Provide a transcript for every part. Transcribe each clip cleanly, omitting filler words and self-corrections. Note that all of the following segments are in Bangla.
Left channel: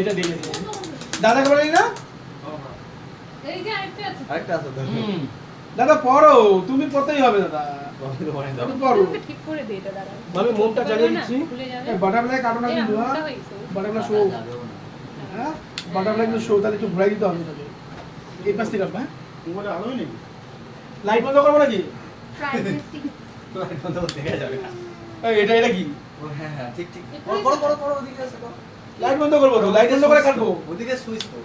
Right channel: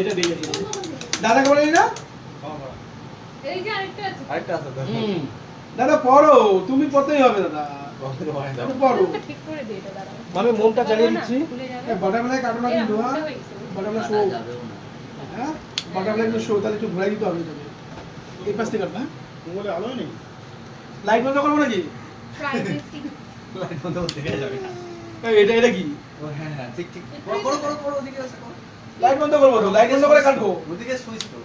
এটা দিয়ে দিই দাদা করে নি না এই যে আরেকটা আছে দাদা পড়ো তুমি পড়তেই হবে দাদা দাদা পড়ো ঠিক করে দে এটা দাঁড়াও আমি মোমটা জ্বালিয়ে দিচ্ছি ভুলে যাবে এই বাটারফ্লাই কাটো না কিন্তু হ্যাঁ বাটারফ্লাই শো হ্যাঁ বাটারফ্লাই কিন্তু শো তাহলে একটু ঘুরাই দিতে হবে তবে এই পাশ থেকে হ্যাঁ মোবাইলে আলোই নেই লাইট বন্ধ করবো নাকি প্রাইভেসি লাইট বন্ধ করতে গিয়ে যাবে না এটা এটা কি হ্যাঁ ঠিক ঠিক করো ওদিকে আছে করো লাইট বন্ধ করবো তো লাইট বন্ধ করে কাটবো ওদিকে সুইচ তো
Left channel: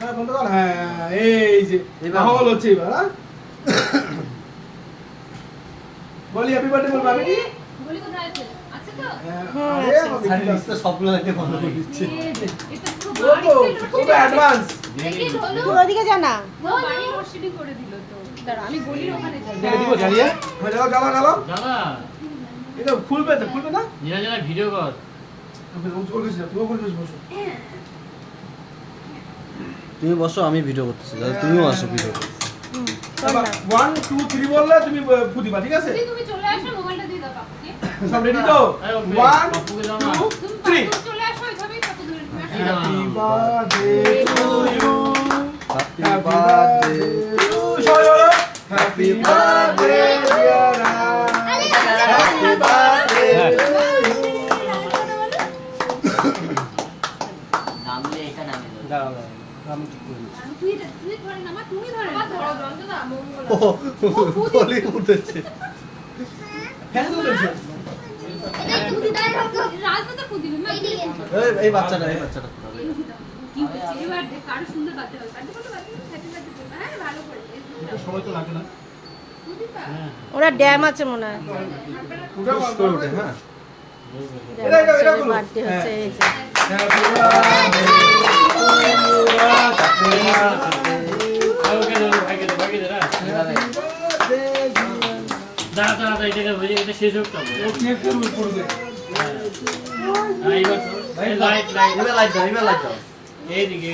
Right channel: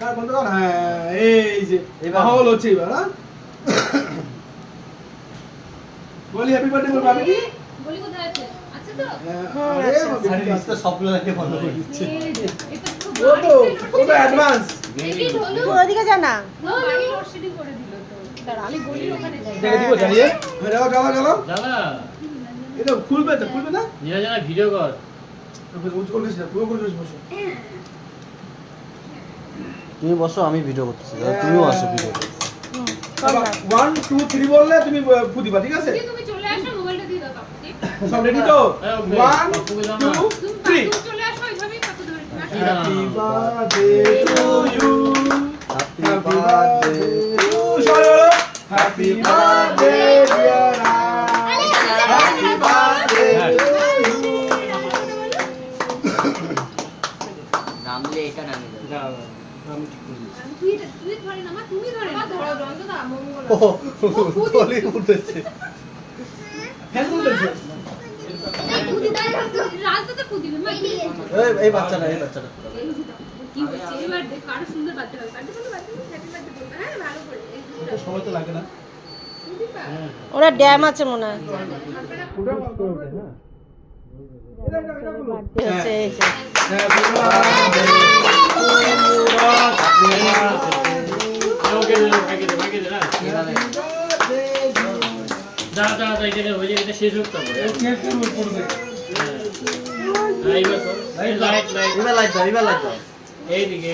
কাট বন্ধ কর হ্যাঁ এই যে মাহৌল হচ্ছে এবার হ্যাঁ বলি হ্যাপি বার্থডে বল বাবি বলি কোথায় আছে আছে তো আরে নিচ তো সব লাইট বন্ধ করে দিচ্ছে এটা তো পুরো অ্যাডভান্স এই হলো ওদিকে যা না বাড়ি রশিদি করে দিল তো দাঁড়া আমি গলির ওখানে যাই এটা দিব জ্বালিয়ে চলো চলো চলো দাদা এটা খুলবে না নিয়ে যা ভিডিও কর উজ্জ্বল গেছে পুরো করে বসো তুমি বসো আমি ভিডিও করতেছি তুমিও আসো ভিডিও 1 2 3 বললে তুমি ফুদিবা ঠিক আছে তুমি চলে আসো মোবাইলটা দিয়ে দাও কাকুকে সব রেডি তো 1 2 3 তুমি চলে আসো এইভাবেই কত ধরে তুমি আসো happy birthday to you happy birthday সবাই বলো happy birthday dear happy birthday নামলে এটা নামে যাবে আমি ঠিক করে দিচ্ছি তুই ধরে না মা তুমি ধরে না ধরো রন্ধ না মঙ্গল বলি উঠেছে ফ্যান করে দিচ্ছি কুদি দাও রাজটা তো কুদিবে মা এই বাচ্চাটা কি হচ্ছে এবার দেখ আরো সুন্দর বাচ্চা হবে বাচ্চা বলো হ্যাপি বার্থডে বলবা হ্যাঁ ভালো করে এটা সময় তো লাগে না কুদিবা ওরা ড্যাম আছে মনে হয় পুরো করে ওঠে হ্যাঁ এটা বার্থডে হচ্ছে এই যে হ্যাপি বার্থডে ওকে দে বাকি দে না যা যা এটা হয়ে যাবে এটা শেষ হোক তবে কেক করবে এইবার তো লাইট এবার লাইট দাও এইদিকে